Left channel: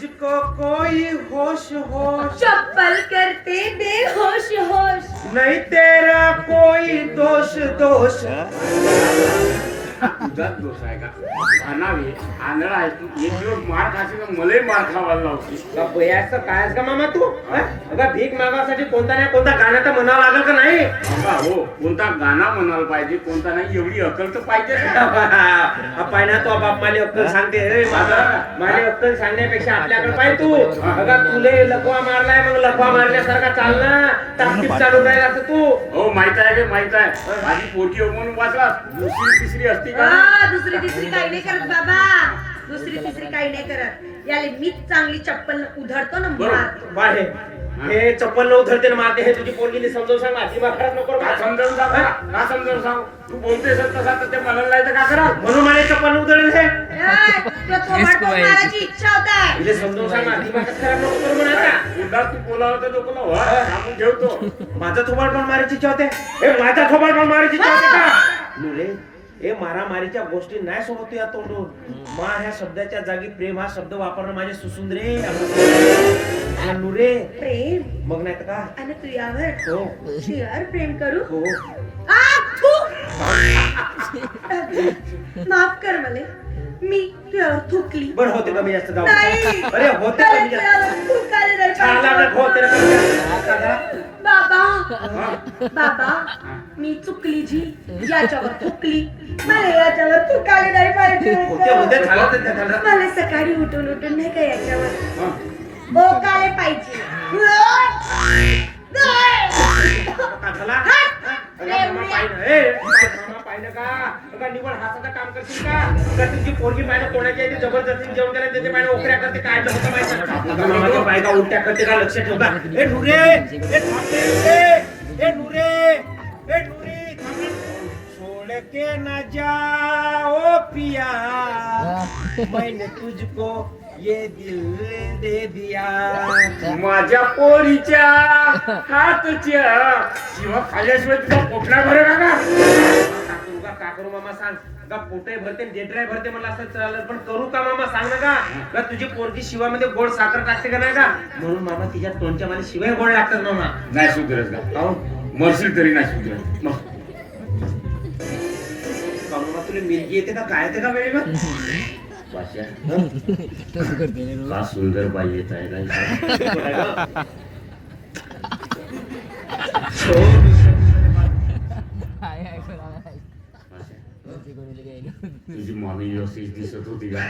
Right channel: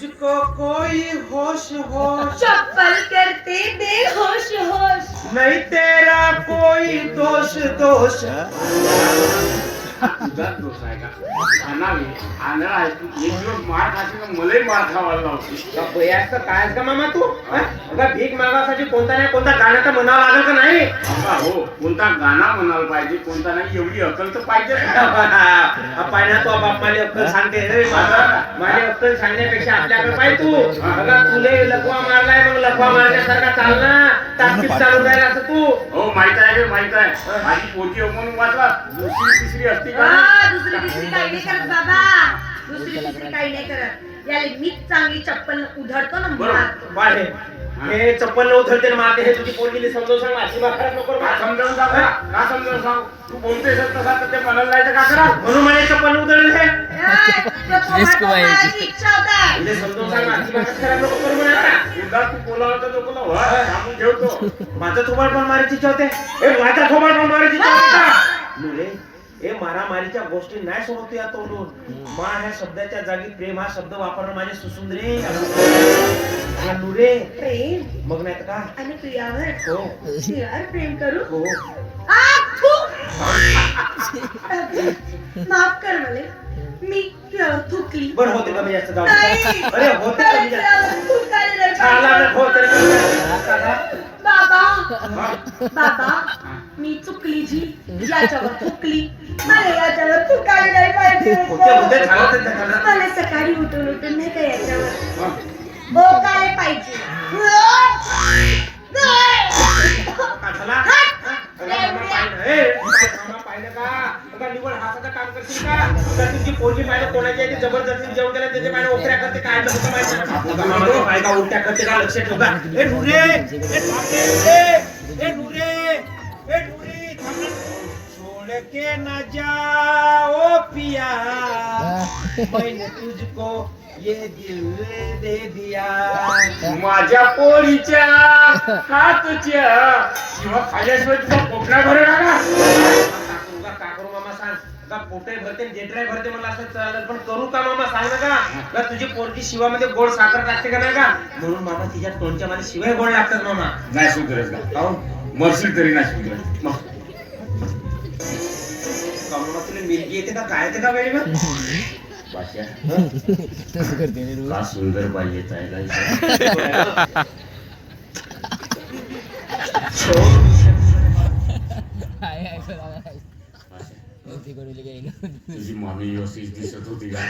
तुझको कोई होश होश चप्पल करते बेहोश होश नहीं तेरा कोई दोष दोष तुझाच दोष आहे का? खानावी आंधळा आहे तू. एक दिवस मार खाशील तर मलाही मार खावायला लावशील. बयाचं काय आहेस का मामा तू हा? अगं भीक मागासाठी कोणता नाही कोणता गाणं तर म्हणावं लागेल का नाही बाबा हो, कोणता गाणं म्हणायला पाहिजे कोणता नाही एवढी अक्कल तर पाहिजे पाहिजे तो बाप मला अक्कल सांगते रे माझा माझी अक्कल सांगण्यापेक्षा आपल्याकडे पाहिजे तू अगं तुले लकवा मारलाय मग लकवा मारल्यासारखा चाल ना ताकदीत चालू राहील असं तू हो माहित आहे का माहित आहे माझी पोटी म्हणून वाचला दुसरी तिसरी असती का दुसरी तिसरी काही नाही करत बाबा दुसरी तिसरी काही नाही करत याले मीच चांगली चप्पल उधळतो ना मुळात बाळे हे चप्पल न उधळते ना माते हे तुझी पोरगीने समजावून सांग अजिबात खराब नको का समजावून सांग का समजावून सांग तू बोलतेस तसा तर ते म्हणायला नाही तर का करा म्हणून मला चप्पल उधळेल हे इच्छा होता म्हणजे समजावून सांग अजिबात खराब नको करू म्हणाला एकदा तू बोलावलं तर नको ना सांगून ठेवतो माझं थोबाड पण मारायची इच्छा होते हे माझा थोबाड पण मारायची इच्छा होते का नुरे हे मारामारीच्या गोष्टी नाही सोबत या तोंडून मा ह्या शब्दाच्या जागी प्रेम हा शब्द वापरणं माझे सुसून रे नुरे प्रेम मग नाही तर का आणि प्रियावर हो प्रियावर प्रेम करू हो माफ कर मला मी प्रियावर थुकली बरं होते कमी जास्त जाऊ नाही. अरे होते मला कमी जास्त प्रियावर थुकायला नाही छाला पाहिजे. न होते रे. बाबा बाबा मी चुकली जी याच्यावर थुकली मला याच्यावर थुकायला नाही पाहिजे होते छाला तर त्याला मला सकाळी उठून नाही का याच्यावर हो काय पाहिजे काकाला मामा पाहिलं ए मामा पाहिलं का अगं निवड हाताचं काम करशील का अगं तुझी पोरगी पाहिलं कोणाची आहे ती जबरदस्ती जेवण केलं त्याचे पाहिलं ओकऱ्या करते काय होतं माहिती मामाच्या बायका उलट्या करते का लक्ष ठेवता ए नुरे ए थांबे ए नुरे ए नुरी थांबे छोड़ के ना जाओ पिया मैंने तुझको ये दिल दे दिया माझ्या पोरीच्या हातच्या शिवा खाल्याशिवाय तुझा पोटला भरेल का काकरू मामा सांग का पोटे भरते जेटराय भरते मला असं चाललं पण करू का मामा सांग ना का तुझी पोरगी शिवामध्ये गोड साखर टाकते का नाही का म्हणून मामा तिच्या तोंडच्या मध्ये शिवाय गोड लागतात मामा नाही सुधरत का पाहून मरशील तरी नाही सुधरत मामा तुला मिरगी येते का काय येते का वेळी मग का सुंदर बाई येत आहे तुझी मामी व्यवस्थित दिसत होती का